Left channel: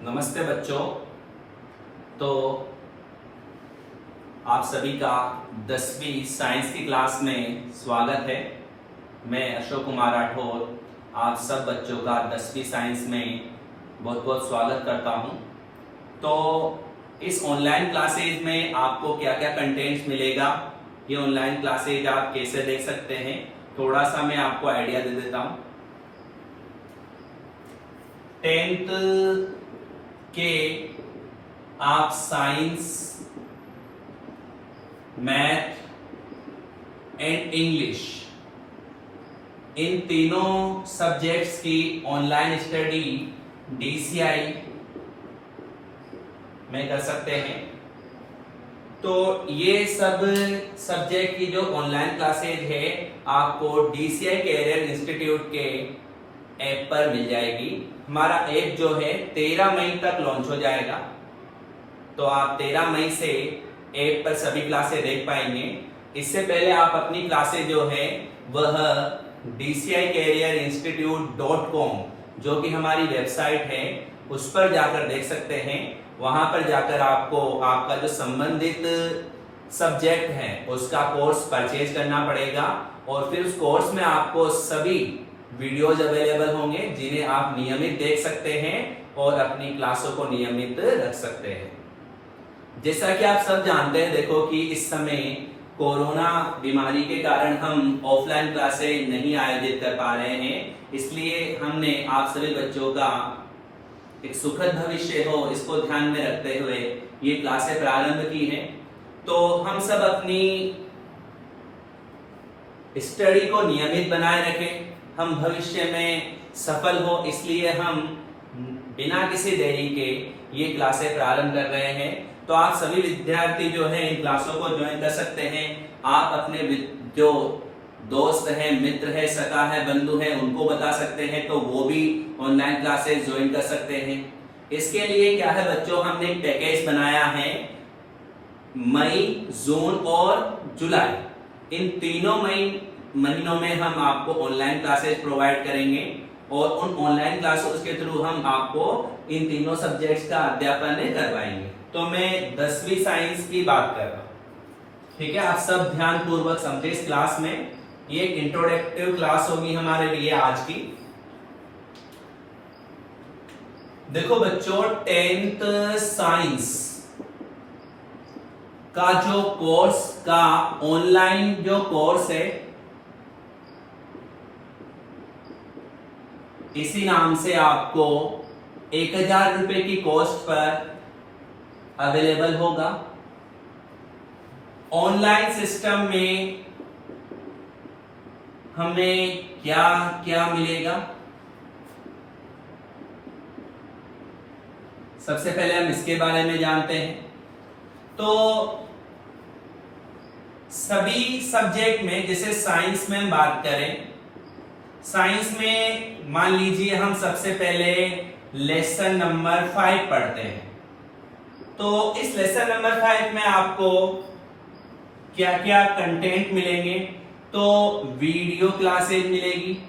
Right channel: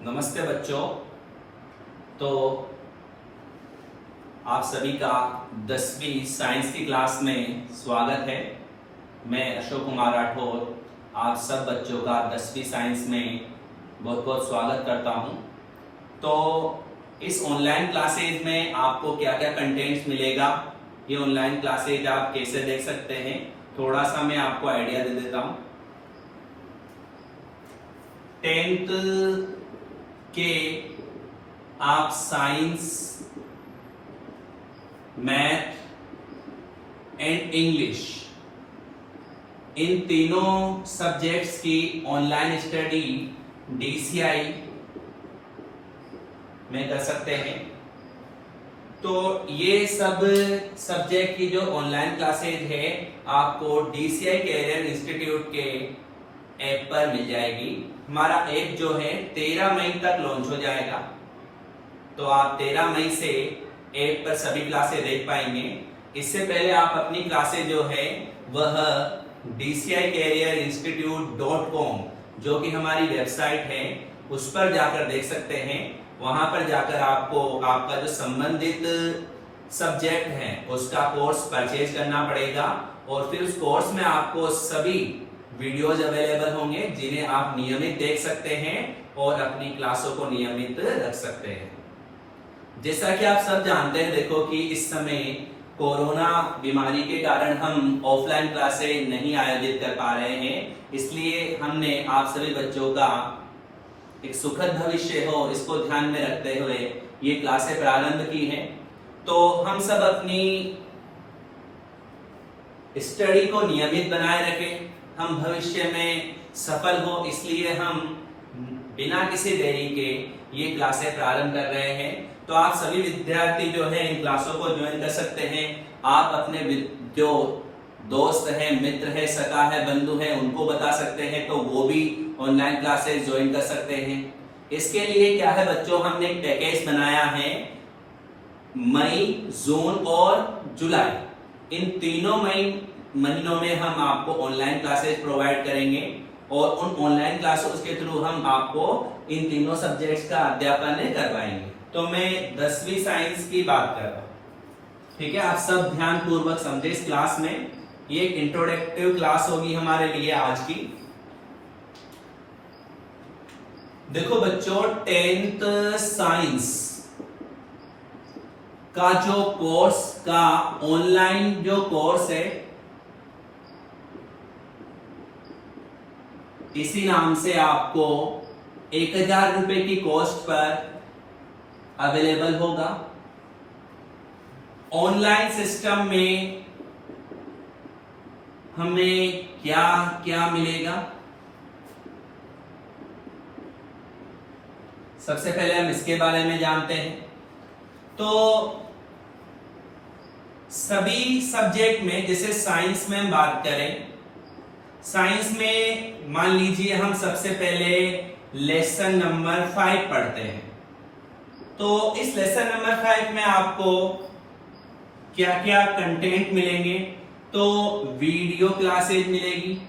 नमस्ते बच्चों। तो आप सभी का 10वीं साइंस की क्लास में स्वागत है। मैं अशोक कुमार राठौर आप सब बच्चों का 10वीं साइंस में बहुत बहुत स्वागत करता हूं। तो इस ऑनलाइन क्लासेज में आपको क्या क्या कंटेंट्स मिलेगा, ये ऑनलाइन क्लासेज आप कैसे देख सकते हैं, थोड़ा सा मैं आपको आइडिया दे देता हूं। 10th के आप science, math and English in तीनों सब्जेक्ट्स की ऑनलाइन स्टडी डीसीआई में कर सकते हैं। तो ये सब सब्जेक्ट की जो ऑनलाइन क्लासेज है आपको डीसीआई कैरियर इंस्टीट्यूट के ऐप पर मिल जाएगी। हमारा ऐप जो है 13 मई तक लॉन्च हो जाएगा, तो आप 13 मई से ऐप पर सभी क्लासेस देख पाएंगे। इससे पहले आप अपनी क्लासेस जो है वह dcicareerinstitute.com जो कि हमारी वेबसाइट है उस पर जाकर देख सकते हैं। वहां पर जाकर आपको आपका जो संबंधित सब्जेक्ट है उसका कोर्स परचेज करना पड़ेगा और फिर उस कोर्स में आपको सभी वीडियोज अवेलेबल होंगे जिन्हें आप नियमित देख सकते हैं और अपनी क्लासों को नियमित रख सकते हैं। जैसा कि आप सब जानते हैं, देखो कि इस समय कोरोना बीमारी के कारण हम ऑफलाइन क्लासेस नहीं आयोजित कर पा रहे हैं, इसलिए हमने आप सभी बच्चों का एक सुखद भविष्य हो इसको ध्यान में रखते हुए ये क्लासें प्रारंभ की हैं। तो हम सब अपनी स्टडी को नियमित बनाए रखें, हम भविष्य में सफल हो, इसलिए हम बिना किसी देरी के ये क्लासें प्रारंभ कर रहे हैं। तो आप सभी विद्यार्थी जो है इन क्लासों को ज्वाइन कर सकते हैं। आप अपने जो दोस्त है, मित्र है, सखा है, बंधु है, उनको बता सकते हैं तो वो भी ऑनलाइन क्लासेस ज्वाइन कर सकते हैं। इसके लिए क्या है बच्चों, हमने एक पैकेज बनाया है। मई, जून और जुलाई इन तीनों महीनों में हम आपको ऑनलाइन क्लासेस प्रोवाइड करेंगे और उन ऑनलाइन क्लासेस के थ्रू हम आपको इन तीनों सब्जेक्ट्स का अध्यापन करवाएंगे। तो मैं 10वीं साइंस की बात कर रहा हूं, ठीक है। आप सब ध्यान पूर्वक समझे इस क्लास में। ये इंट्रोडक्टिव क्लास होगी हमारे लिए आज की। देखो बच्चों, 10th साइंस का जो कोर्स का ऑनलाइन जो कोर्स है इसी नाम से आपको 1000 रुपए की कॉस्ट पर अवेलेबल होगा। ऑनलाइन सिस्टम में हमें क्या क्या मिलेगा, सबसे पहले हम इसके बारे में जानते हैं। तो सभी सब्जेक्ट में, जैसे साइंस में हम बात करें, साइंस में मान लीजिए हम सबसे पहले लेसन नंबर 5 पढ़ते हैं। तो इस लेसन नंबर 5 में आपको क्या क्या कंटेंट मिलेंगे, तो वीडियो क्लासेज मिलेगी,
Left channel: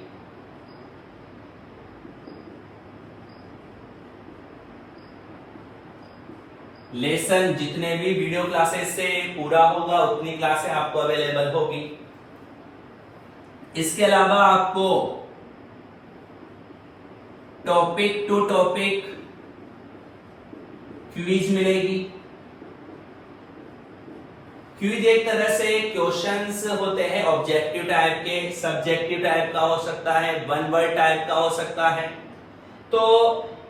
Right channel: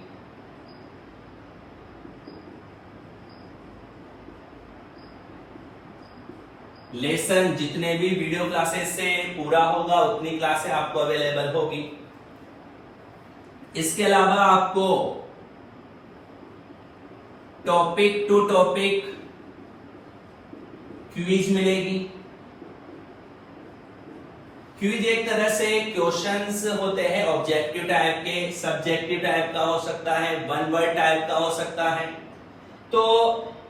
लेसन जितने भी वीडियो क्लासेस से पूरा होगा उतनी क्लासें आपको अवेलेबल होगी। इसके अलावा आपको टॉपिक टू टॉपिक क्विज मिलेगी। क्विज एक तरह से क्वेश्चंस होते हैं, ऑब्जेक्टिव टाइप के, सब्जेक्टिव टाइप का हो सकता है, वन वर्ड टाइप का हो सकता है। तो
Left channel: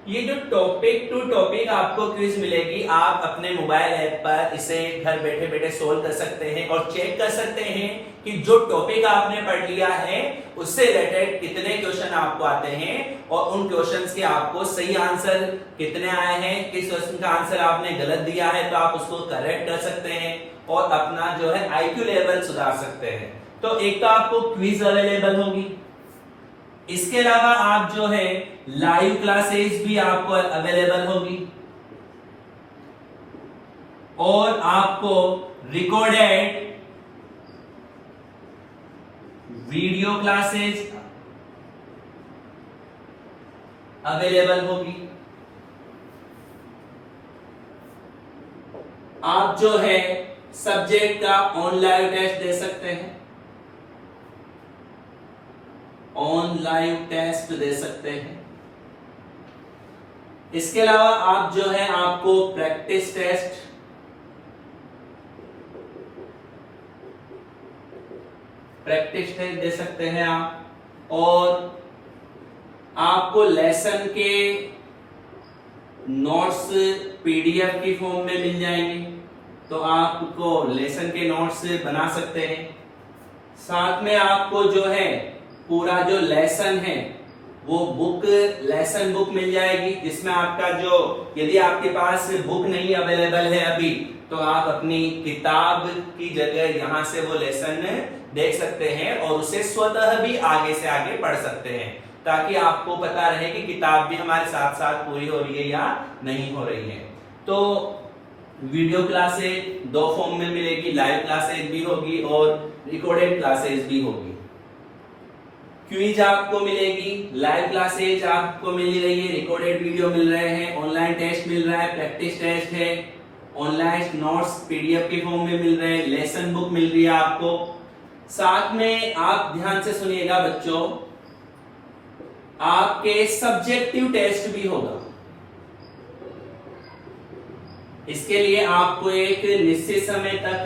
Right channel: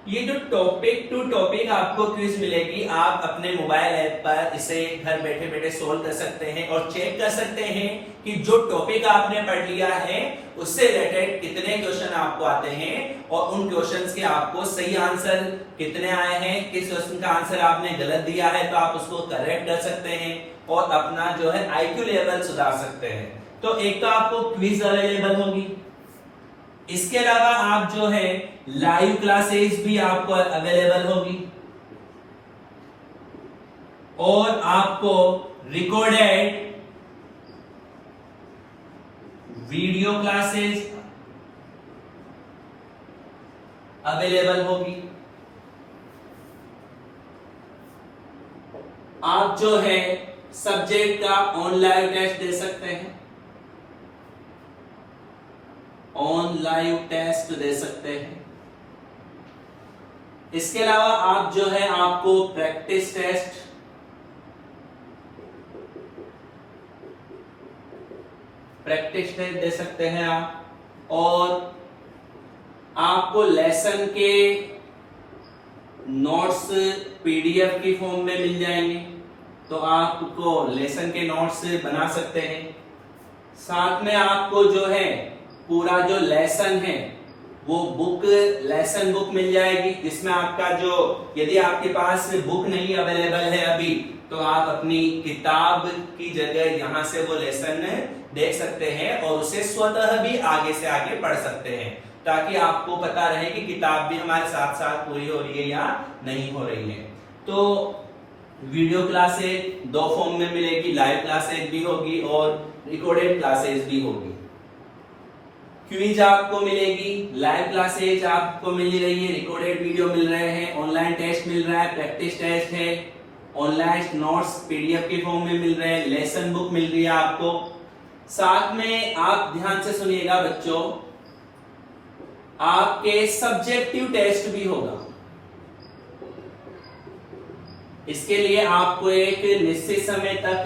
ये जो टॉपिक टू टॉपिक आपको क्विज मिलेगी, आप अपने मोबाइल ऐप पर इसे घर बैठे बैठे सोल्व कर सकते हैं और चेक कर सकते हैं कि जो टॉपिक आपने पढ़ लिया है उससे रिलेटेड कितने क्वेश्चन आपको आते हैं और उन क्वेश्चंस के आपको सही आंसर कितने आए हैं। किस क्वेश्चन का आंसर आपने गलत दिया है तो आप उसको करेक्ट कर सकते हैं और अपना जो है आईक्यू लेवल सुधार सकते हैं। तो एक तो आपको क्विज अवेलेबल होगी। इसके अलावा आप जो है लाइव क्लासेस भी आपको अवेलेबल होगी और आपको रिकॉर्डेड वीडियो क्लासेस अवेलेबल होगी। आप जो है सब्जेक्ट का ऑन लाइव टेस्ट दे सकते हैं, ऑन लाइव टेस्ट दे सकते हैं। इसके अलावा आप जो है आपको प्रैक्टिस टेस्ट, दे सकते हैं आप, और आपको लेसन के नोट्स पीडीएफ की फॉर्म में मिल जाएंगे, तो आपको लेसन के नोट्स बना सकते हैं। साथ में आपको जो है पूरा जो लेसन है वो बुक, लेसन बुक मिल जाएगी, जिसमें आपका जो, यदि आपके पास बुक नहीं अवेलेबल है अभी, तो आप अपनी किताब की जगह यहां से वो लेसन देख सकते हैं और उसे स्वतः भी आगे से आगे पढ़ सकते हैं, ताकि आपको पता रहे कि किताब भी हमारे साथ साथ पूरी हो रही है या नहीं हो रही है। तो वीडियो क्लासेस दो फॉर्म में मिलेगी, लाइव क्लासेस भी होगी और रिकॉर्डेड क्लासेस भी होगी। क्विज आपको मिलेगी, लाइव क्लासेज आपको मिल रही है, रिकॉर्डेड वीडियो मिल रहे हैं, ऑनलाइन टेस्ट मिल रहा है, प्रैक्टिस टेस्ट है, ऑनलाइन नोट्स पीडीएफ के फॉर्म में मिल रहे हैं, लेसन बुक मिल रही है आपको। साथ में आप ध्यान से सुनिएगा बच्चों, आपके सब्जेक्टिव टेस्ट भी होगा। इसके लिए आपको एक निश्चित समय तक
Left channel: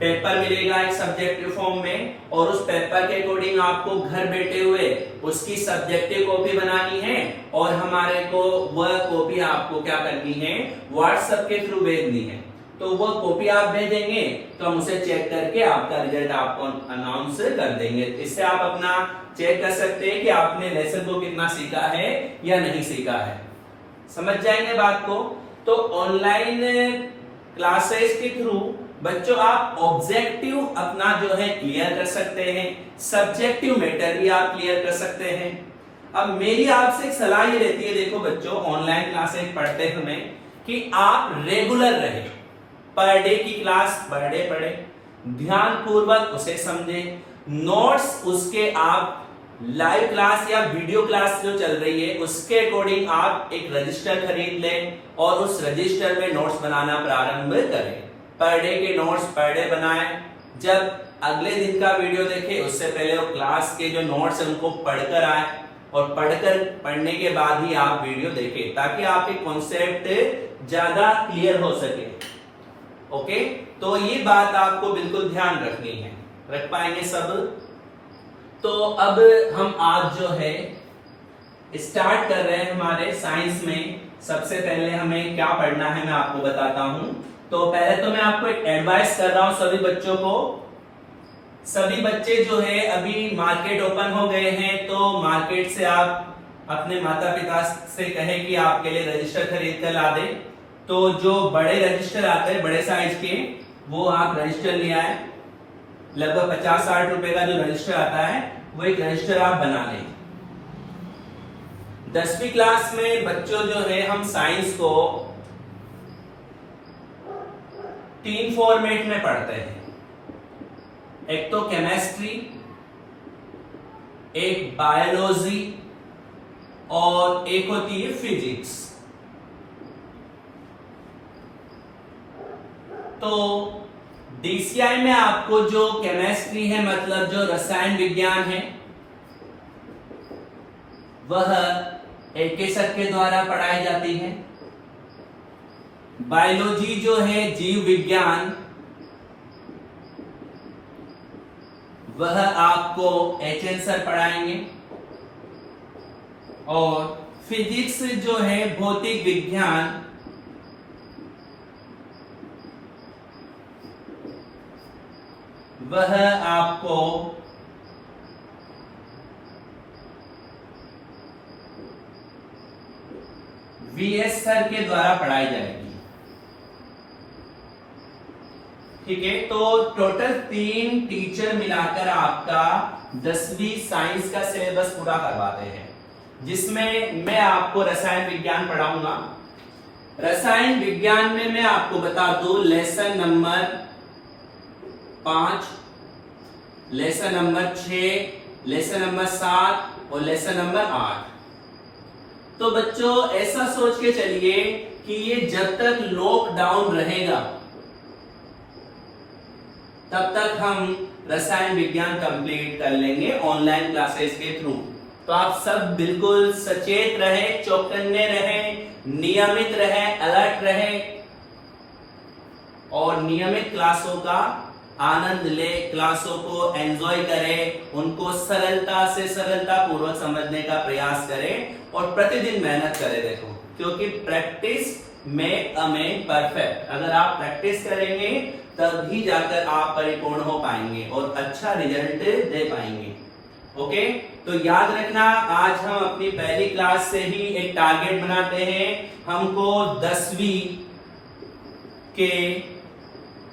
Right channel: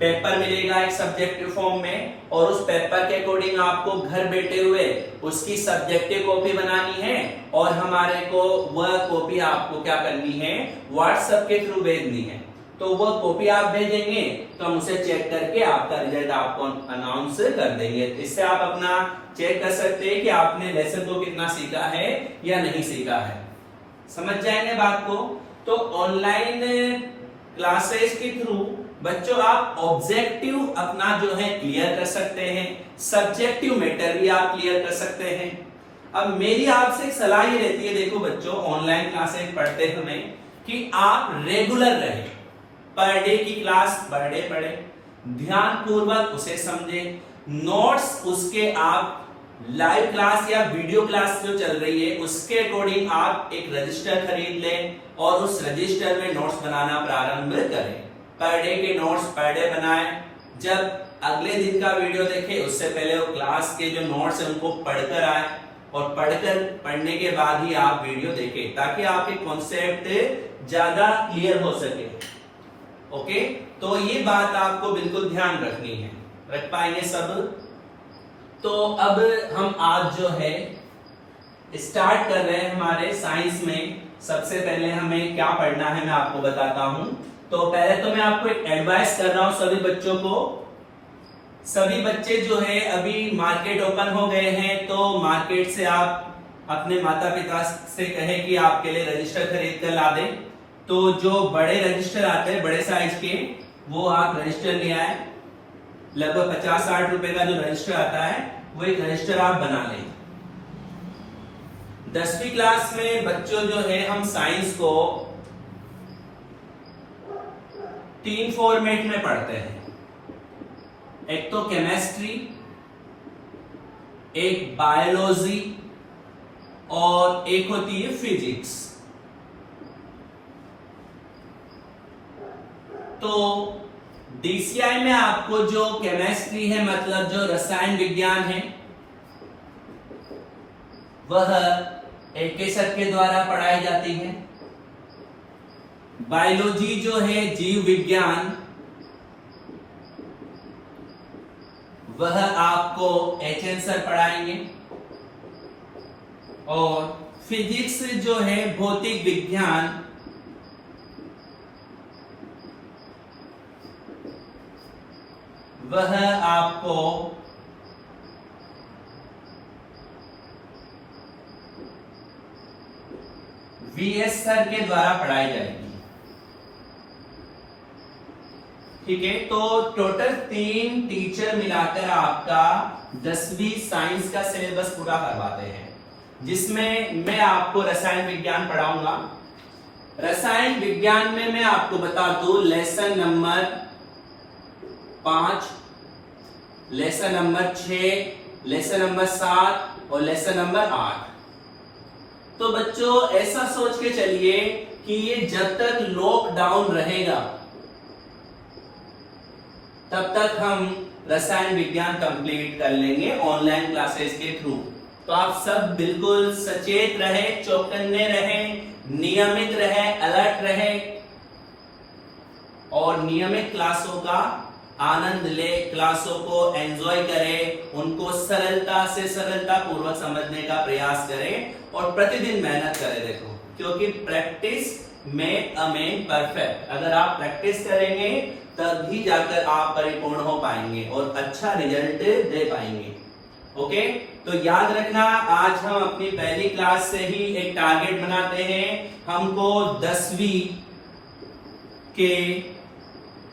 पेपर मिलेगा एक सब्जेक्टिव फॉर्म में, और उस पेपर के अकॉर्डिंग आपको घर बैठे हुए उसकी सब्जेक्टिव कॉपी बनानी है और हमारे को वह कॉपी आपको क्या करनी है, व्हाट्सएप के थ्रू भेजनी है। तो वह कॉपी आप भेजेंगे तो हम उसे चेक करके आपका रिजल्ट आपको अनाउंस कर देंगे। इससे आप अपना चेक कर सकते हैं कि आपने लेसन को कितना सीखा है या नहीं सीखा है। समझ जाएंगे बात को। तो ऑनलाइन क्लासेस के थ्रू बच्चों आप ऑब्जेक्टिव अपना जो है क्लियर कर सकते हैं, सब्जेक्टिव मैटर भी आप क्लियर कर सकते हैं। अब मेरी आपसे एक सलाह ये रहती है, देखो बच्चों, ऑनलाइन क्लासेस पढ़ते समय कि आप रेगुलर रहे, पर डे की क्लास पर डे पढ़े, ध्यान पूर्वक उसे समझें, नोट्स उसके आप लाइव क्लास या वीडियो क्लास जो चल रही है उसके अकॉर्डिंग आप एक रजिस्टर खरीद लें और उस रजिस्टर में नोट्स बनाना प्रारंभ करें। पर डे के नोट्स पर डे बनाएं। जब अगले दिन का वीडियो देखें उससे पहले वो क्लास के जो नोट्स है उनको पढ़कर आए, और पढ़ने के बाद ही आप वीडियो देखें, ताकि आपके कॉन्सेप्ट ज्यादा क्लियर हो सके। ओके, तो ये बात आपको बिल्कुल ध्यान रखनी है, रख पाएंगे सब। तो अब हम आज जो है स्टार्ट कर रहे हैं हमारे साइंस में। सबसे पहले हमें क्या पढ़ना है मैं आपको बताता हूं। तो पहले तो मैं आपको एक एडवाइस कर रहा हूं सभी बच्चों को। सभी बच्चे जो है अभी मार्केट ओपन हो गए हैं, तो मार्केट से आप अपने माता पिता से कहें कि आपके लिए रजिस्टर खरीद कर ला दें। तो जो बड़े रजिस्टर आते हैं बड़े साइज के, वो आप रजिस्टर ले आए। लगभग 50-60 रुपए का जो रजिस्टर आता है वो एक रजिस्टर आप बना लें। 10वीं क्लास में बच्चों जो है हम साइंस को 3 फॉर्मेट में पढ़ते हैं। एक तो केमिस्ट्री, एक बायोलॉजी और एक होती है फिजिक्स। तो डीसीआई में आपको जो केमिस्ट्री है, मतलब जो रसायन विज्ञान है, वह एक सर के द्वारा पढ़ाई जाती है। बायोलॉजी जो है जीव विज्ञान, वह आपको एचएन सर पढ़ाएंगे। और फिजिक्स जो है भौतिक विज्ञान, वह आपको वीएस सर के द्वारा पढ़ाई जाएगी। ठीक है, तो टोटल 3 टीचर मिलाकर आपका 10वीं साइंस का सिलेबस पूरा करवाते हैं, जिसमें मैं आपको रसायन विज्ञान पढ़ाऊंगा। रसायन विज्ञान में मैं आपको बता दूं, lesson number 5, lesson number 6, lesson number 7 और लेसन नंबर 8। तो बच्चों ऐसा सोच के चलिए कि ये जब तक लॉकडाउन रहेगा तब तक हम रसायन विज्ञान कंप्लीट कर लेंगे ऑनलाइन क्लासेस के थ्रू। तो आप सब बिल्कुल सचेत रहे, चौकन्ने रहे, नियमित रहे, अलर्ट रहे और नियमित क्लासों का आनंद ले, क्लासों को एंजॉय करें, उनको सरलता से सरलता पूर्वक समझने का प्रयास करें और प्रतिदिन मेहनत करें। देखो, क्योंकि प्रैक्टिस में परफेक्ट, अगर आप प्रैक्टिस करेंगे तभी जाकर आप परिपूर्ण हो पाएंगे और अच्छा रिजल्ट दे पाएंगे। ओके, तो याद रखना, आज हम अपनी पहली क्लास से ही एक टारगेट बनाते हैं। हमको 10वीं के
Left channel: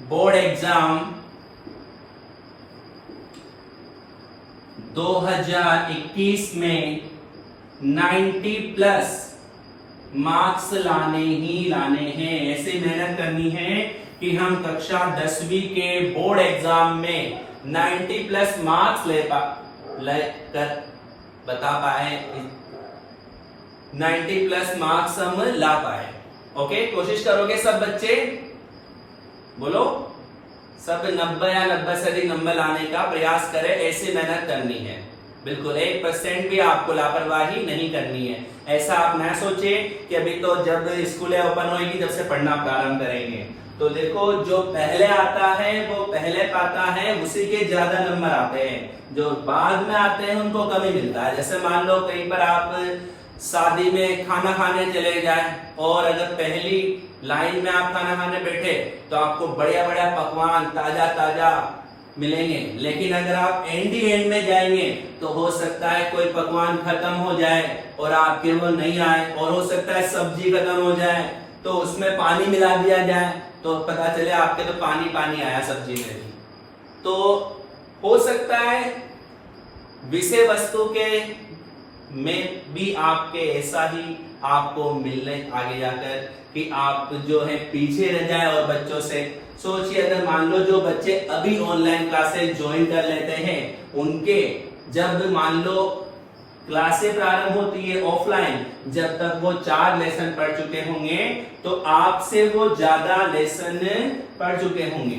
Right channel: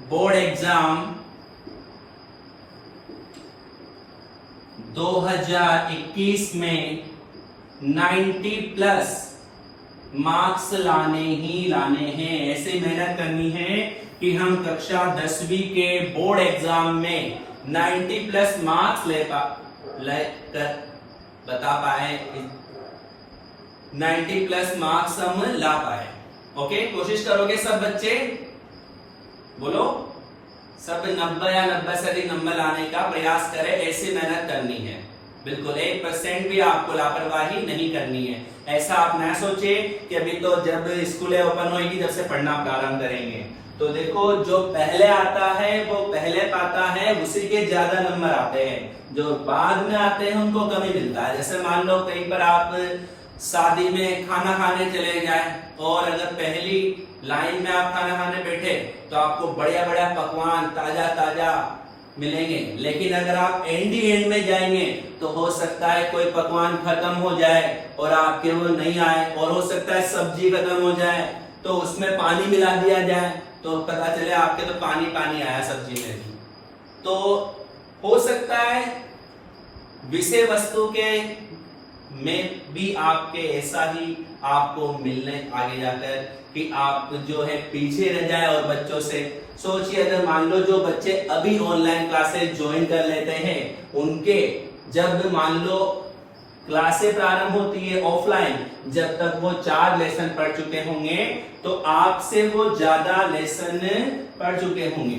बोर्ड एग्जाम 2021 में 90+ मार्क्स लाने ही लाने हैं। ऐसे मेहनत करनी है कि हम कक्षा 10वीं के बोर्ड एग्जाम में 90+ मार्क्स कर बता पाए, 90+ मार्क्स हम ला पाए। ओके, कोशिश करोगे सब बच्चे? बोलो, सब 90 या 90 से अधिक नंबर लाने का प्रयास करें। ऐसी मेहनत करनी है, बिल्कुल 1% भी आपको लापरवाही नहीं करनी है। ऐसा आप न सोचे कि अभी तो जब स्कूलें ओपन होगी तब से पढ़ना प्रारंभ करेंगे। तो देखो, जो पहले आता है वो पहले पाता है, उसी के ज्यादा नंबर आते हैं। जो बाद में आते हैं उनको कम ही मिलता है। जैसे मान लो कहीं पर आप शादी में खाना खाने चले जाएं और अगर पहली लाइन में आप खाना खाने बैठे तो आपको बढ़िया बढ़िया पकवान ताजा ताजा मिलेंगे, लेकिन अगर आप एंड में जाएंगे तो हो सकता है कोई पकवान खत्म हो जाए और आपके वो नहीं आए, और हो सकता है सब्जी खत्म हो जाए तो उसमें पानी मिला दिया जाए तो पता चले आपके तो पानी पानी आया सब्जी में भी। तो हो सकता है विषय वस्तु के में भी आपके ऐसा ही आपको मिलने आगे जाकर कि आप जो है पीछे रह जाए और बच्चों से। सोचिए, अगर मान लो जो बच्चे अभी ऑनलाइन क्लासेस ज्वाइन कर लेते हैं, उनके जब मान लो क्लासें प्रारंभ होती है ऑफलाइन, जब तक वो 4 लेसन पढ़ चुके होंगे तो आपसे वो ज्यादा लेसन पढ़ चुके होंगे।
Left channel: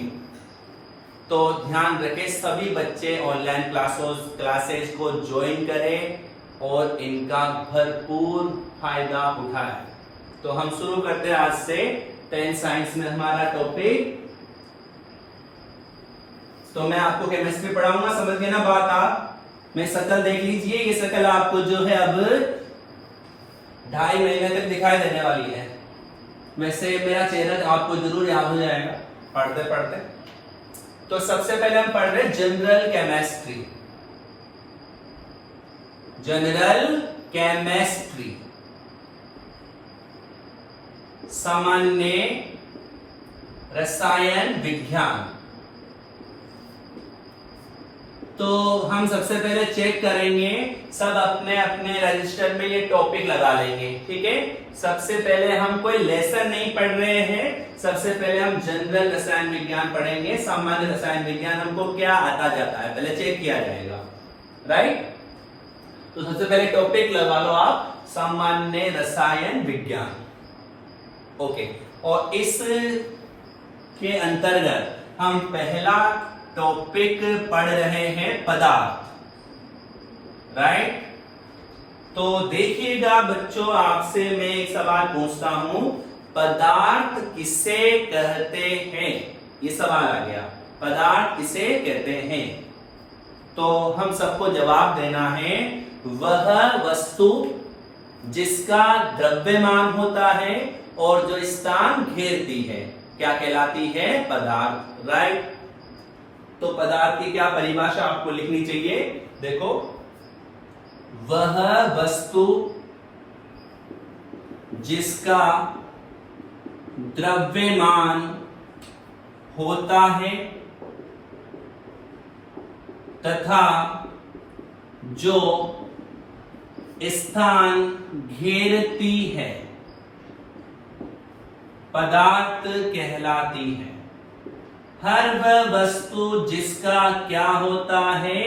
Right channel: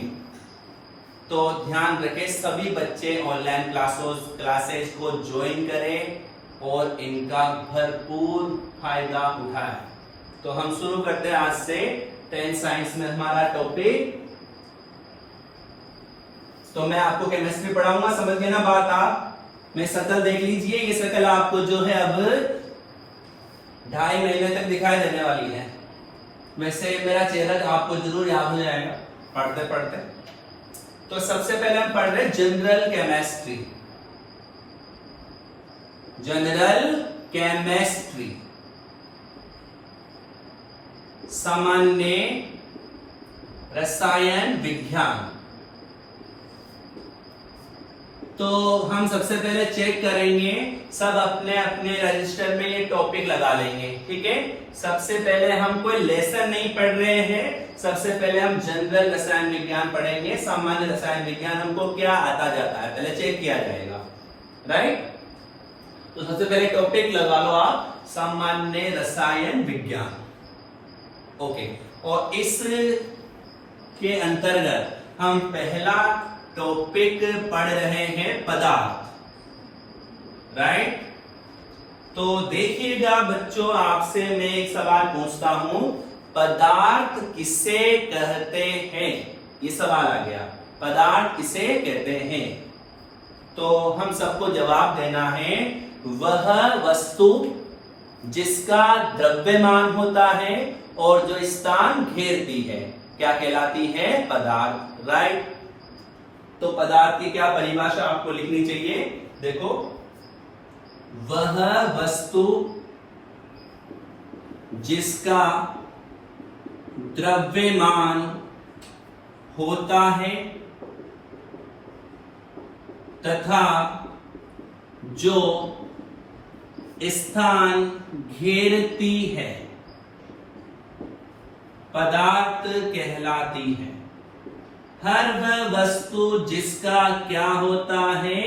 तो ध्यान रखें, सभी बच्चे ऑनलाइन क्लासेस को ज्वाइन करें और इनका भरपूर फायदा उठाएं। तो हम शुरू करते हैं आज से 10th साइंस में हमारा टॉपिक। तो मैं आपको केमिस्ट्री पढ़ाऊंगा, समझ गए ना बात आप? मैं शक्ल देख लीजिए, ये शक्ल आपको जो है अब 2.5 महीने तक दिखाई देने वाली है। वैसे मेरा चेहरा आपको जरूर याद हो जाएगा पढ़ते पढ़ते। तो सबसे पहले हम पढ़ रहे हैं जनरल केमिस्ट्री। जनरल केमिस्ट्री, सामान्य रसायन विज्ञान। तो हम सबसे पहले चेक करेंगे, सब अपने अपने रजिस्टर में ये टॉपिक लगा लेंगे, ठीक है? सबसे पहले हम कोई लेसन नहीं पढ़ रहे हैं, सबसे पहले हम जनरल रसायन विज्ञान पढ़ेंगे। सामान्य रसायन विज्ञान हमको क्या आता जाता है पहले चेक किया जाएगा, राइट? तो सबसे पहले टॉपिक लगा लो आप, सामान्य रसायन विज्ञान। ओके, और इस के अंतर्गत हम पहला टॉपिक पढ़ रहे हैं पदार्थ, राइट? तो देखिएगा बच्चों, आपसे मैं एक सवाल पूछता हूं, पदार्थ किसे कहते हैं? ये सवाल आ गया, पदार्थ किसे कहते हैं? तो हम सबको जवाब देना है, वह वस्तु जिसका द्रव्यमान होता है और जो स्थान घेरती है क्या कहलाती है? पदार्थ, राइट? तो पदार्थ की क्या परिभाषा आपको लिखनी चाहिए? देखो, वह वस्तु जिसका द्रव्यमान होता है तथा जो स्थान घेरती है पदार्थ कहलाती है। हर वह वस्तु जिसका क्या होता है?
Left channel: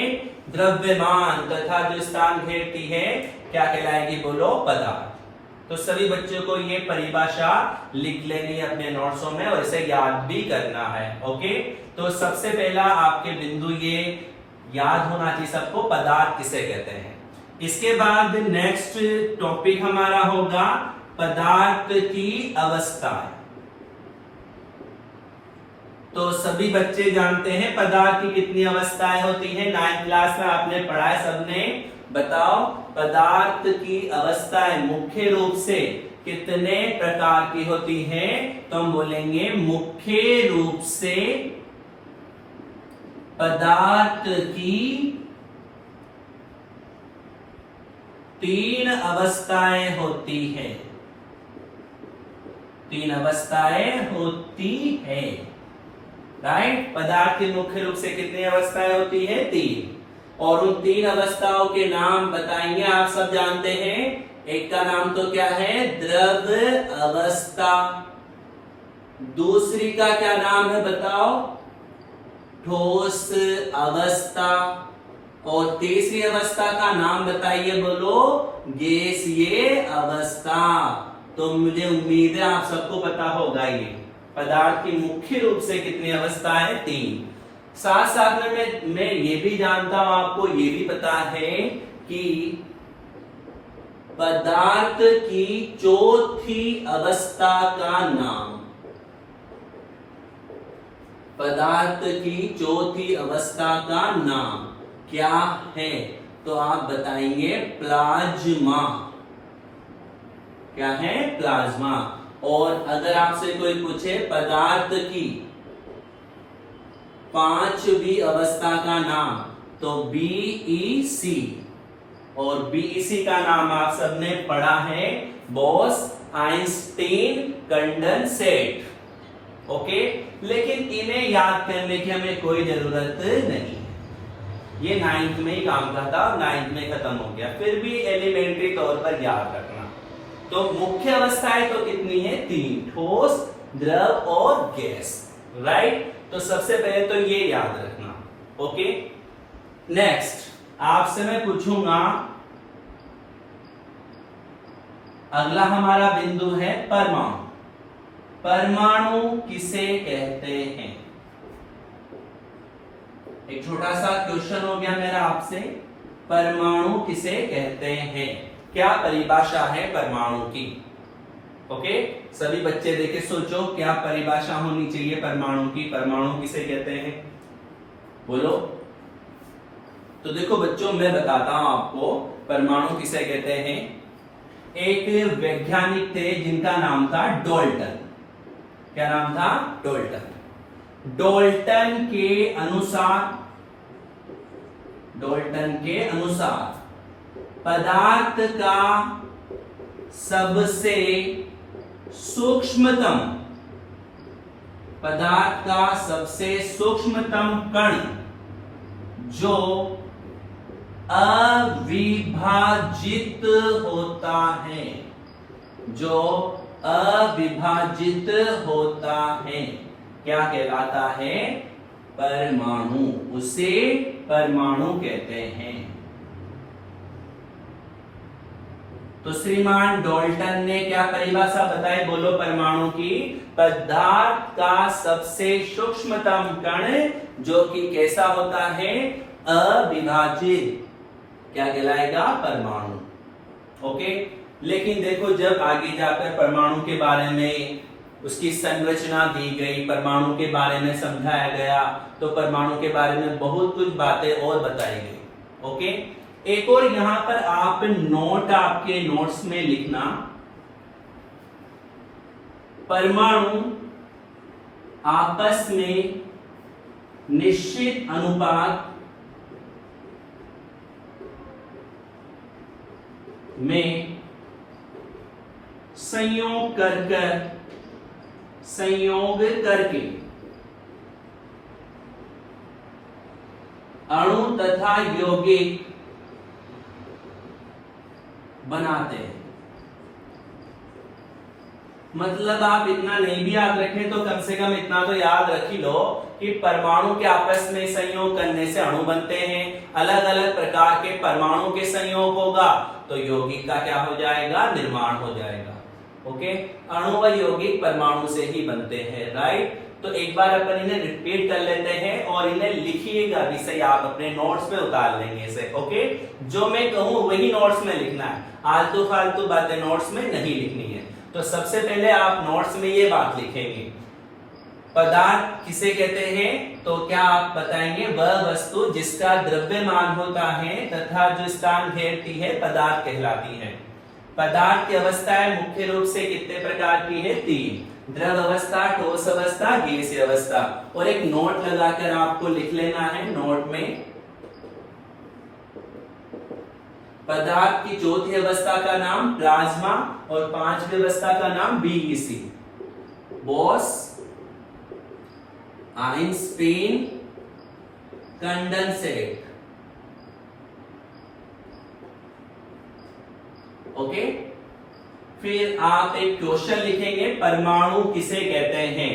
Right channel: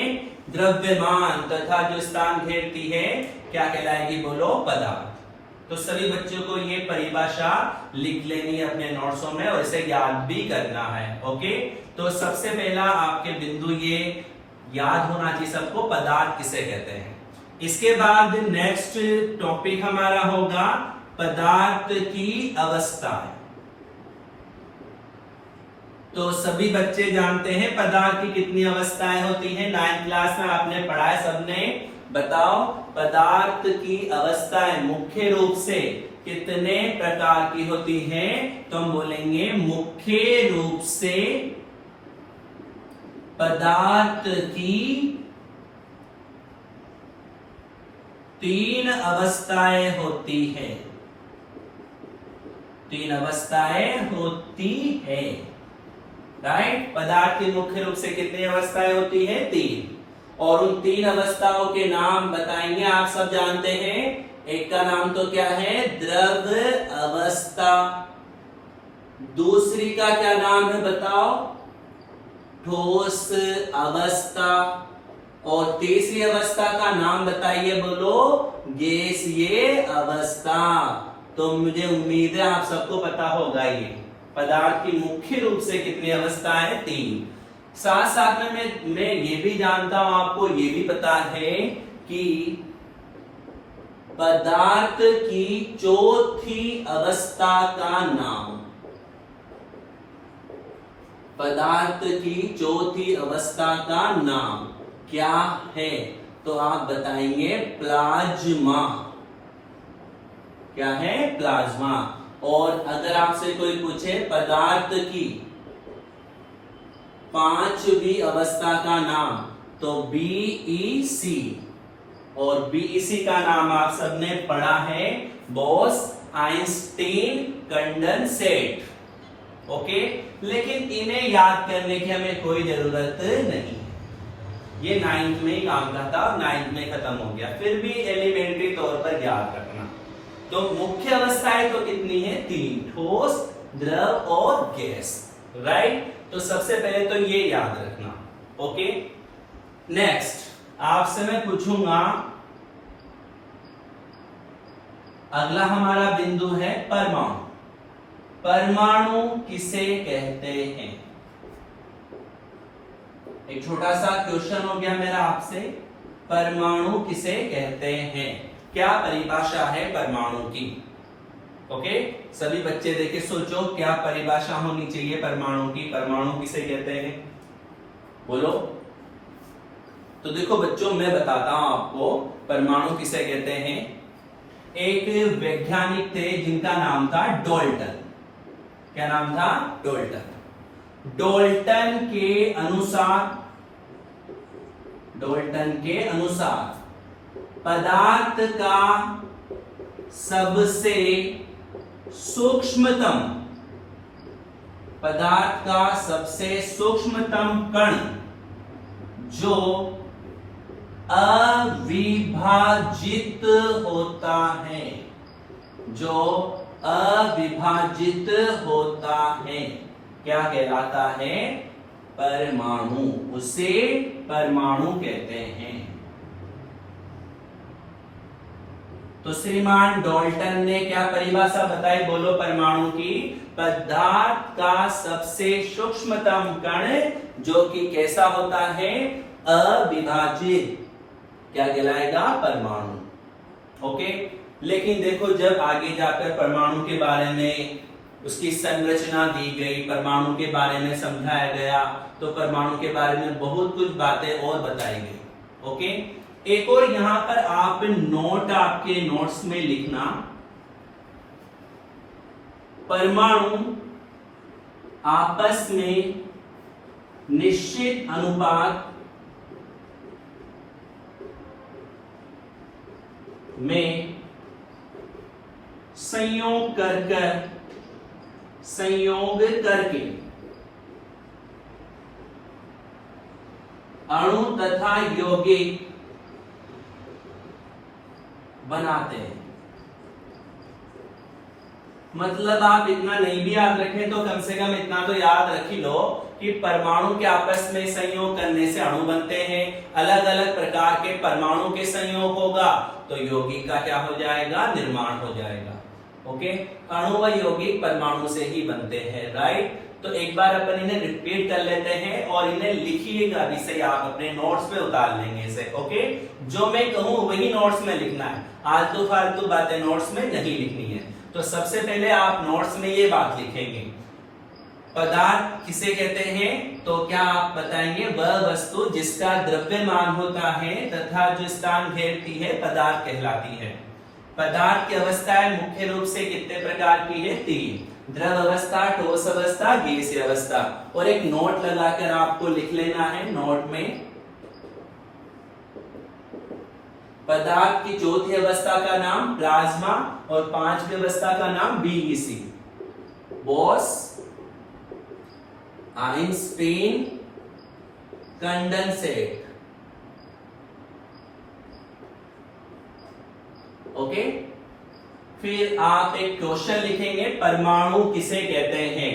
द्रव्यमान, तथा जो स्थान घेरती है क्या कहलाएगी? बोलो, पदार्थ। तो सभी बच्चों को ये परिभाषा लिख लेनी है अपने नोट्सों में और इसे याद भी करना है। ओके, तो सबसे पहला आपके बिंदु ये याद होना चाहिए सबको, पदार्थ किसे कहते हैं। इसके बाद नेक्स्ट टॉपिक हमारा होगा पदार्थ की अवस्थाएं। तो सभी बच्चे जानते हैं पदार्थ की कितनी अवस्थाएं होती हैं, 9th क्लास में आपने पढ़ा है सबने। बताओ पदार्थ की अवस्थाएं मुख्य रूप से कितने प्रकार की होती हैं? तो हम बोलेंगे मुख्य रूप से पदार्थ की 3 अवस्थाएं होती हैं। 3 अवस्थाएं होती है, राइट। पदार्थ की मुख्य रूप से कितनी अवस्थाएं होती है? 3। और उन 3 अवस्थाओं के नाम बताएंगे, आप सब जानते हैं। एक का नाम तो क्या है? द्रव अवस्था। दूसरी का क्या नाम है बताओ? ठोस अवस्था। और तीसरी अवस्था का नाम बताइए, बोलो? गैसीय अवस्था। तो मुझे उम्मीद है आप सबको पता होगा ये पदार्थ की मुख्य रूप से कितनी अवस्थाएं? 3। साथ साथ में मैं ये भी जानता हूं, आपको ये भी पता है कि पदार्थ की चौथी अवस्था का नाम, पदार्थ की चौथी अवस्था का नाम क्या है? तो आप बताएंगे प्लाज्मा। क्या है? प्लाज्मा। और अगर आपसे कोई पूछे पदार्थ की 5वीं अवस्था का नाम, तो BEC। और BEC का नाम आप सबने पढ़ा है, बोस आइंस्टीन कंडेंसेट। ओके, लेकिन इन्हें याद करने की हमें कोई जरूरत नहीं, ये 9th में ही काम का था, 9th में खत्म हो गया। फिर भी एलिमेंट्री तौर पर याद रखना। तो मुख्य अवस्थाएं तो कितनी है? 3, ठोस, द्रव और गैस, राइट। तो सबसे पहले तो ये याद रखना। ओके, नेक्स्ट आपसे मैं पूछूंगा, अगला हमारा बिंदु है परमाणु। परमाणु किसे कहते हैं? एक छोटा सा क्वेश्चन हो गया मेरा आपसे, परमाणु किसे कहते हैं? क्या परिभाषा है परमाणु की? ओके, सभी बच्चे देखे सोचो क्या परिभाषा होनी चाहिए परमाणु की। परमाणु किसे कहते हैं? बोलो। तो देखो बच्चों, मैं बताता हूं आपको परमाणु किसे कहते हैं। एक वैज्ञानिक थे जिनका नाम था डाल्टन। क्या नाम था? डाल्टन। डाल्टन के अनुसार पदार्थ का सबसे सूक्ष्मतम, पदार्थ का सबसे सूक्ष्मतम कण जो अविभाजित होता है, जो अविभाजित होता है, क्या कहलाता है? परमाणु। उसे परमाणु कहते हैं। तो श्रीमान डाल्टन ने क्या परिभाषा बताई? बोलो परमाणु की। पदार्थ का सबसे सूक्ष्मतम कण जो कि कैसा होता है? अविभाजित, क्या कहलाएगा? परमाणु। ओके, लेकिन देखो जब आगे जाकर परमाणु के बारे में उसकी संरचना दी गई, परमाणु के बारे में समझाया गया, तो परमाणु के बारे में बहुत कुछ बातें और बताई गई। ओके, एक और यहां पर आप नोट आपके नोट्स में लिखना, परमाणु आपस में निश्चित अनुपात में संयोग करके अणु तथा यौगिक बनाते हैं। मतलब आप इतना नहीं भी याद रखें तो कम से कम इतना तो याद रख ही लो कि परमाणु के आपस में संयोग करने से अणु बनते हैं, अलग अलग प्रकार के परमाणु के संयोग होगा तो यौगिक का क्या हो जाएगा, निर्माण हो जाएगा। ओके, अणु व यौगिक परमाणु से ही बनते हैं, राइट। तो एक बार अपन इन्हें रिपीट कर लेते हैं और इन्हें लिखिएगा भी सही, आप अपने नोट्स में उतार लेंगे इसे। ओके, जो मैं कहूं वही नोट्स में लिखना है, आलतू फालतू बातें नोट्स में नहीं लिखनी है। तो सबसे पहले आप नोट्स में ये बात लिखेंगे, पदार्थ किसे कहते हैं, तो क्या आप बताएंगे, वह वस्तु जिसका द्रव्यमान होता है तथा जो स्थान घेरती है पदार्थ कहलाती है। पदार्थ की अवस्थाएं मुख्य रूप से कितने प्रकार की है, 3, द्रव अवस्था, ठोस अवस्था, गैसीय अवस्था। और एक नोट लगाकर आपको लिख लेना है नोट में, पदार्थ की चौथी अवस्था का नाम प्लाज्मा और 5वीं अवस्था का नाम BEC, Bose, Einstein, condensate. Okay, फिर आप एक क्वेश्चन लिखेंगे, परमाणु किसे कहते हैं,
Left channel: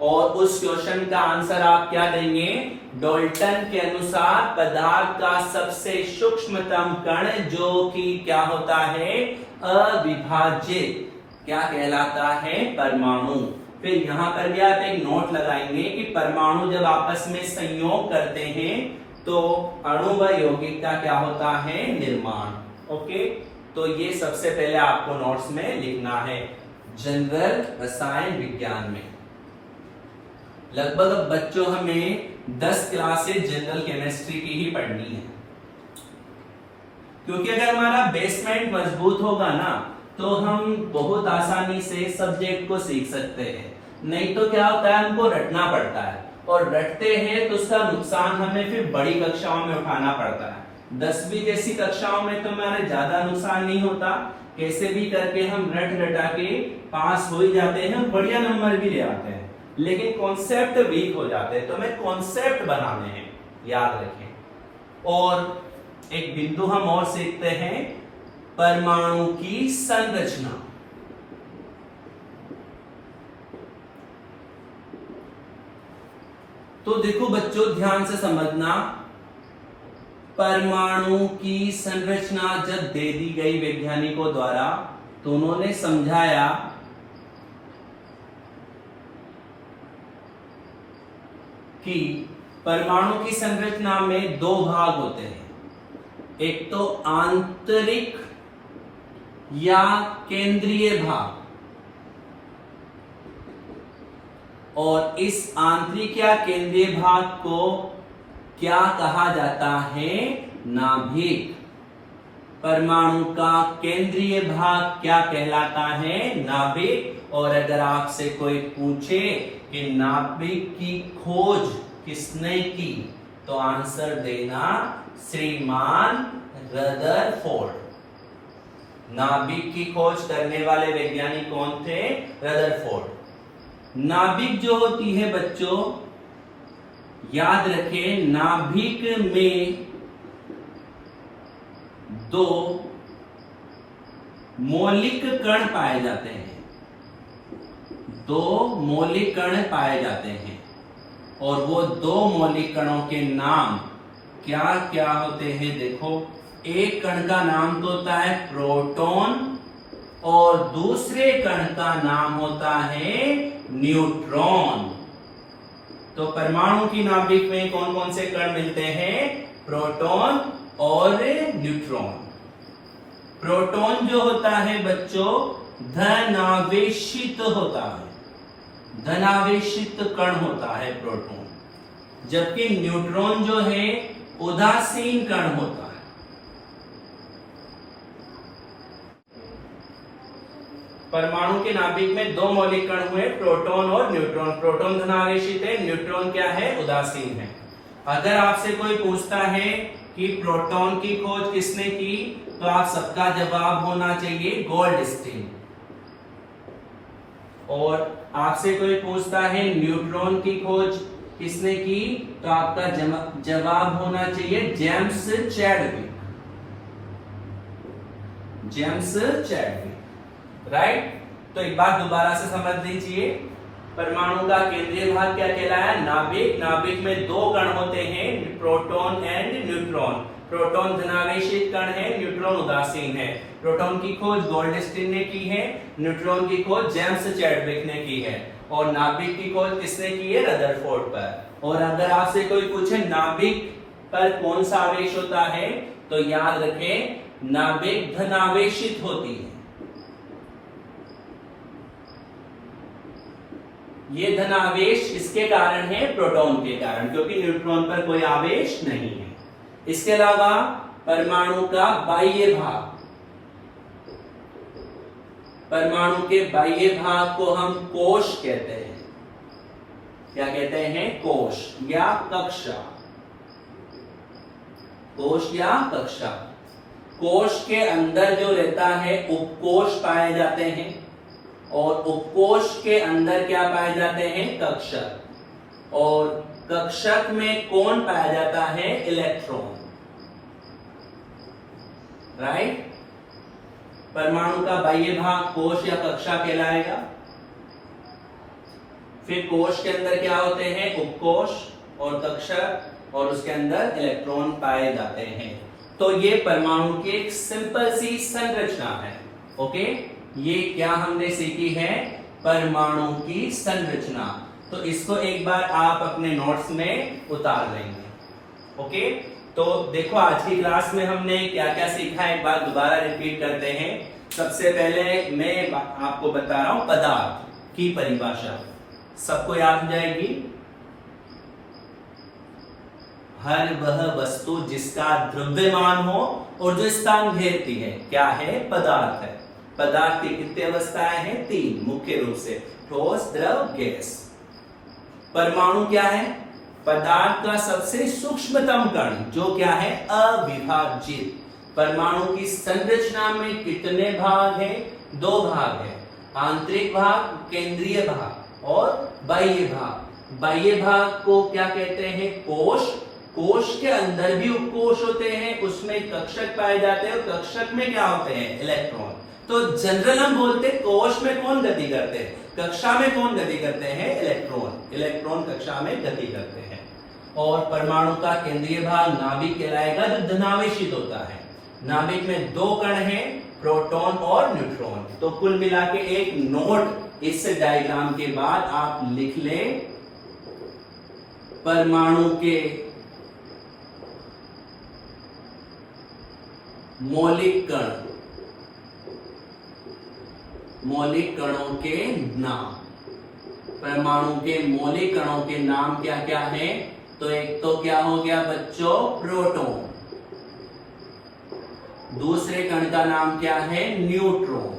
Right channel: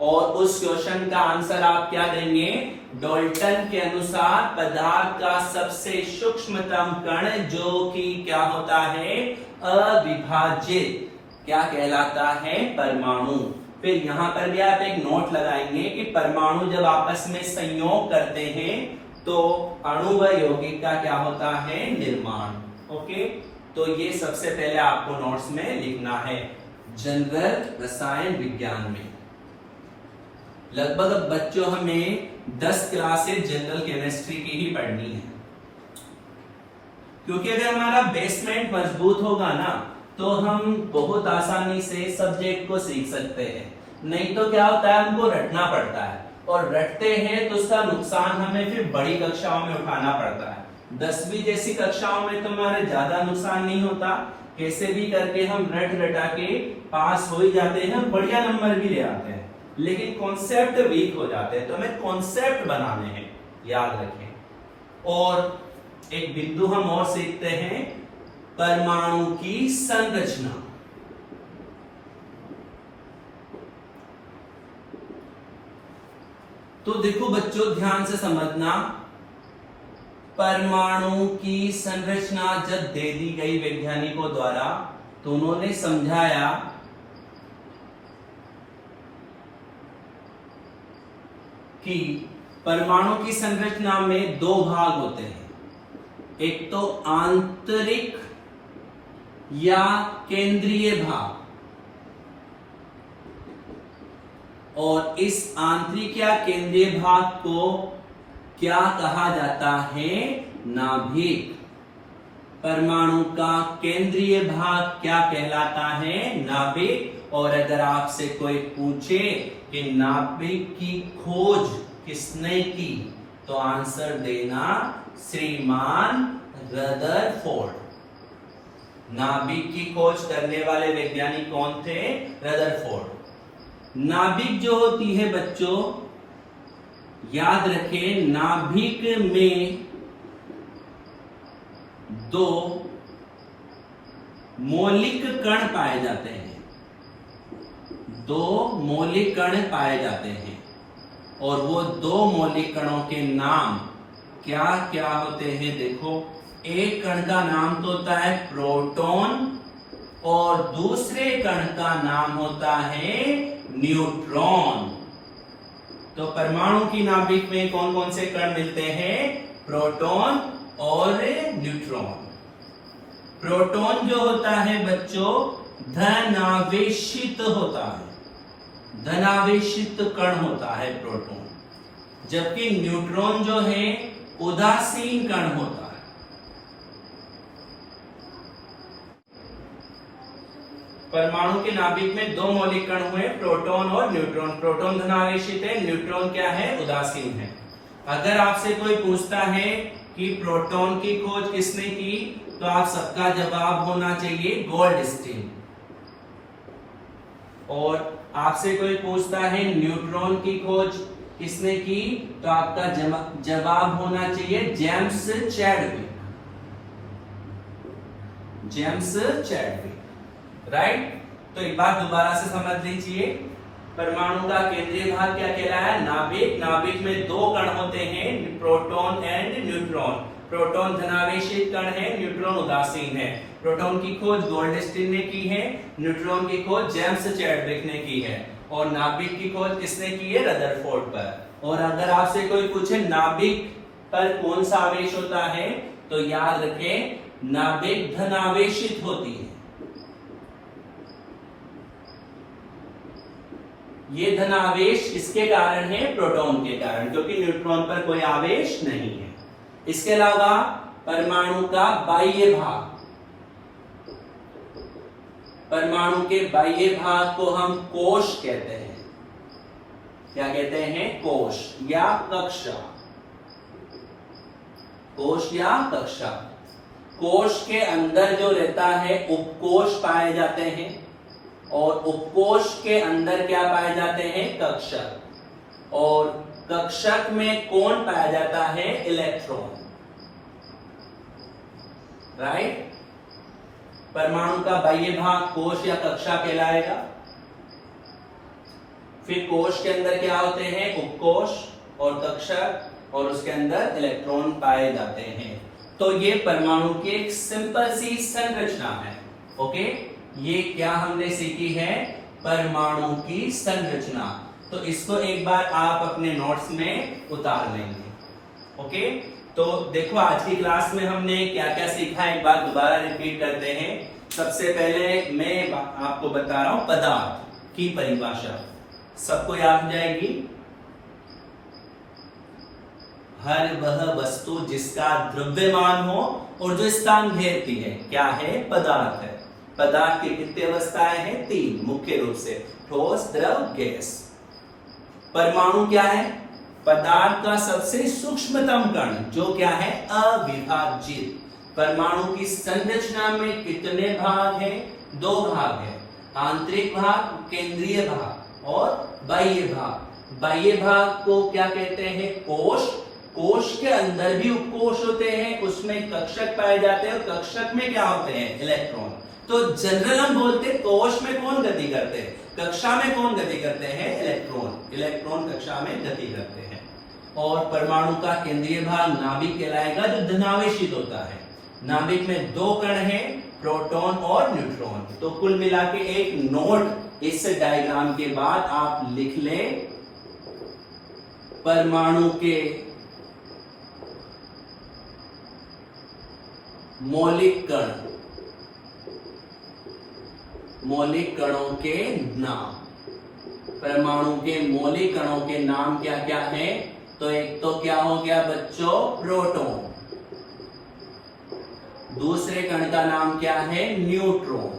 और उस क्वेश्चन का आंसर आप क्या देंगे, डाल्टन के अनुसार पदार्थ का सबसे सूक्ष्मतम कण जो कि क्या होता है, अविभाजित, क्या कहलाता है, परमाणु। फिर यहाँ पर भी आप एक नोट लगाएंगे कि परमाणु जब आपस में संयोग करते हैं तो अणु व यौगिक का क्या होता है, निर्माण। ओके, तो ये सबसे पहले आपको नोट्स में लिखना है जनरल रसायन विज्ञान में। लगभग अब बच्चों हमें 10 क्लासेस जनरल केमिस्ट्री की ही पढ़नी है, क्योंकि अगर हमारा बेसमेंट मजबूत होगा ना तो हम बहुत आसानी से सब्जेक्ट को सीख सकते हैं। नहीं तो क्या होता है, हमको रटना पड़ता है, और रटते हैं तो उसका नुकसान हमें फिर बड़ी कक्षाओं में उठाना पड़ता है। 10वीं जैसी कक्षाओं में तो हमारे ज्यादा नुकसान नहीं होता, कैसे भी करके हम रट रटा के पास हो ही जाते हैं, बढ़िया नंबर भी ले आते हैं, लेकिन कॉन्सेप्ट वीक हो जाते हैं। तो हमें कॉन्सेप्ट बनाने हैं, याद रखें। और एक बिंदु हम और सीखते हैं, परमाणु की संरचना। तो देखो बच्चों, ध्यान से समझना, परमाणु की संरचना जब दे दी गई वैज्ञानिकों द्वारा तो उन्होंने समझाया कि परमाणु की संरचना में 2 भाग होते हैं, एक तो आंतरिक या केंद्रीय भाग, और इस आंतरिक या केंद्रीय भाग को क्या कहा जाता है, नाभिक। परमाणु का केंद्रीय भाग क्या कहलाता है, नाभिक। और अगर आपसे कोई पूछे कि नाभिक की खोज किसने की, तो आंसर देना श्रीमान रदरफोर्ड। नाभिक की खोज करने वाले वैज्ञानिक कौन थे, रदरफोर्ड। नाभिक जो होती है बच्चों, याद रखें, नाभिक में 2 मौलिक कण पाए जाते हैं, 2 मौलिक कण पाए जाते हैं, और वो 2 मौलिक कणों के नाम क्या क्या होते हैं, देखो, एक कण का नाम तो होता है प्रोटॉन, और दूसरे कण का नाम होता है न्यूट्रॉन। तो परमाणु की नाभिक में कौन कौन से कण मिलते हैं, प्रोटॉन और न्यूट्रॉन। प्रोटॉन जो होता है बच्चों, धनावेशित होता है, धनावेशित कण होता है प्रोटॉन, जबकि न्यूट्रॉन जो है उदासीन कण होता है। परमाणु के नाभिक में 2 मौलिक कण हुए, प्रोटॉन और न्यूट्रॉन। प्रोटॉन धनावेशित है, न्यूट्रॉन क्या है, उदासीन है। अगर आपसे कोई पूछता है कि प्रोटॉन की खोज किसने की, तो आप सबका जवाब होना चाहिए गोल्डस्टीन। और आपसे कोई पूछता है न्यूट्रॉन की खोज किसने की, तो आपका जवाब होना चाहिए James Chadwick, James Chadwick, right. तो एक बार दोबारा से समझ लीजिए, परमाणु का केंद्रीय भाग क्या कहलाया? नाभिक। नाभिक में दो कण होते हैं, प्रोटॉन एंड न्यूट्रॉन। प्रोटॉन धनावेशित कण है, न्यूट्रॉन उदासीन है। प्रोटॉन की खोज गोल्डस्टीन ने की है, न्यूट्रॉन की खोज जेम्स चैडविक ने की है, और नाभिक की खोज किसने की है? रदरफोर्ड पर। और अगर आपसे कोई पूछे नाभिक पर कौन सा आवेश होता है, तो याद रखें नाभिक धनावेशित होती है। ये धनावेश किसके कारण है? प्रोटॉन के कारण, क्योंकि न्यूट्रॉन पर कोई आवेश नहीं है। इसके अलावा परमाणु का बाह्य भाग, परमाणु के बाह्य भाग को हम कोश कहते हैं। क्या कहते हैं? कोश या कक्षा। कोश या कक्षा। कोश के अंदर जो रहता है उपकोश पाए जाते हैं, और उपकोश के अंदर क्या पाए जाते हैं? कक्षक। और कक्षक में कौन पाया जाता है? इलेक्ट्रॉन। राइट। परमाणु का बाह्य भाग कोश या कक्षा कहलाएगा। फिर कोश के अंदर क्या होते हैं? उपकोश और कक्षक, और उसके अंदर इलेक्ट्रॉन पाए जाते हैं। तो ये परमाणु की एक सिंपल सी संरचना है। ओके, ये क्या हमने सीखी है? परमाणु की संरचना। तो इसको एक बार आप अपने नोट्स में उतार लेंगे। ओके, तो देखो आज की क्लास में हमने क्या क्या सीखा, एक बार दोबारा रिपीट करते हैं। सबसे पहले मैं आपको बता रहा हूं पदार्थ की परिभाषा, सबको याद हो जाएगी। हर वह वस्तु जिसका द्रव्यमान हो और जो स्थान घेरती है, क्या है? पदार्थ है। पदार्थ की कितनी अवस्थाएं हैं? 3 मुख्य रूप से, ठोस, द्रव, गैस। परमाणु क्या है? पदार्थ का सबसे सूक्ष्मतम कण, जो क्या है? अविभाज्य। परमाणु की संरचना में कितने भाग हैं? 2 भाग हैं, आंतरिक भाग, केंद्रीय भाग, और बाह्य भाग। बाह्य भाग को क्या कहते हैं? कोश। कोश के अंदर भी उपकोश होते हैं, उसमें कक्षक पाए जाते हैं, और कक्षक में क्या होते हैं? इलेक्ट्रॉन। तो जनरल हम बोलते हैं कोश में कौन गति करते हैं, कक्षा में कौन गति करते हैं? इलेक्ट्रॉन। इलेक्ट्रॉन कक्षा में गति करते हैं। और परमाणु का केंद्रीय भाग नाभिक कहलाएगा, जो धनावेशित होता है। नाभिक में 2 कण हैं, प्रोटॉन और न्यूट्रॉन। तो कुल मिला के एक नोट इस डायग्राम के बाद आप लिख लें, परमाणु के मौलिक कण, मौलिक कणों के नाम। परमाणु के मौलिक कणों के नाम क्या क्या है? तो एक तो क्या हो गया बच्चों? प्रोटॉन। दूसरे कण का नाम क्या है? न्यूट्रॉन।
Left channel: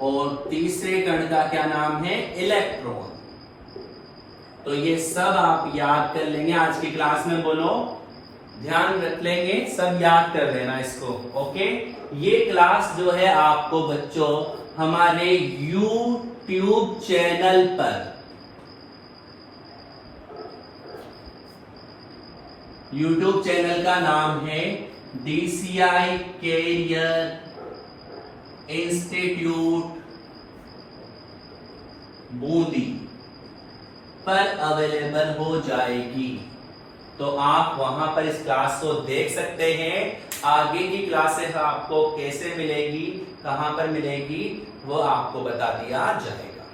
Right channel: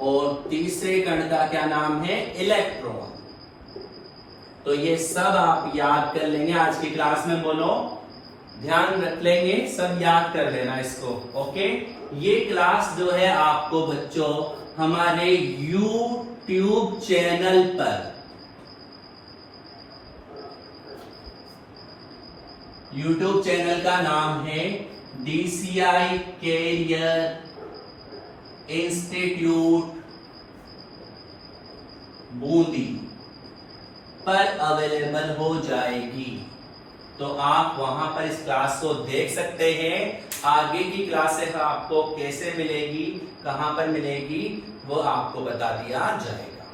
और तीसरे कण का क्या नाम है? इलेक्ट्रॉन। तो ये सब आप याद कर लेंगे आज की क्लास में। बोलो, ध्यान रख लेंगे, सब याद कर लेना इसको। ओके, ये क्लास जो है आपको बच्चों हमारे YouTube चैनल पर, YouTube चैनल का नाम है DCI कैरियर इंस्टीट्यूट बूंदी पर अवेलेबल हो जाएगी। तो आप वहां पर इस क्लास को देख सकते हैं। आगे की क्लासेस आपको कैसे मिलेगी, कहां पर मिलेगी, वो आपको बता दिया जाएगा।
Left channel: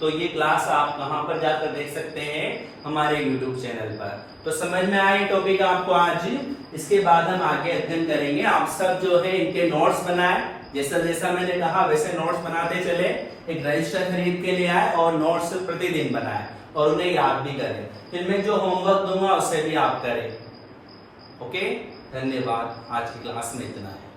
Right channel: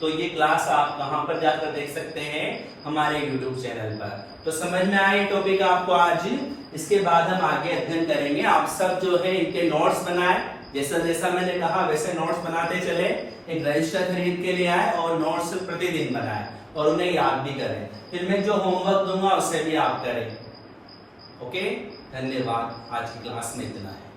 तो ये क्लास आप कहां पर जाकर देख सकते हैं? हमारे YouTube चैनल पर। तो समझ में आए टॉपिक आपको आज? इसके बाद हम आगे अध्ययन करेंगे। आप सब जो है इनके नोट्स बनाए, जैसा जैसा मैंने कहा वैसे नोट्स बनाते चले। एक रजिस्टर खरीद के लिए आए और नोट्स प्रतिदिन बनाए, और उन्हें याद भी करें। फिर मैं जो होमवर्क दूंगा उसे भी आप करें। ओके, धन्यवाद। आज की क्लास में इतना है।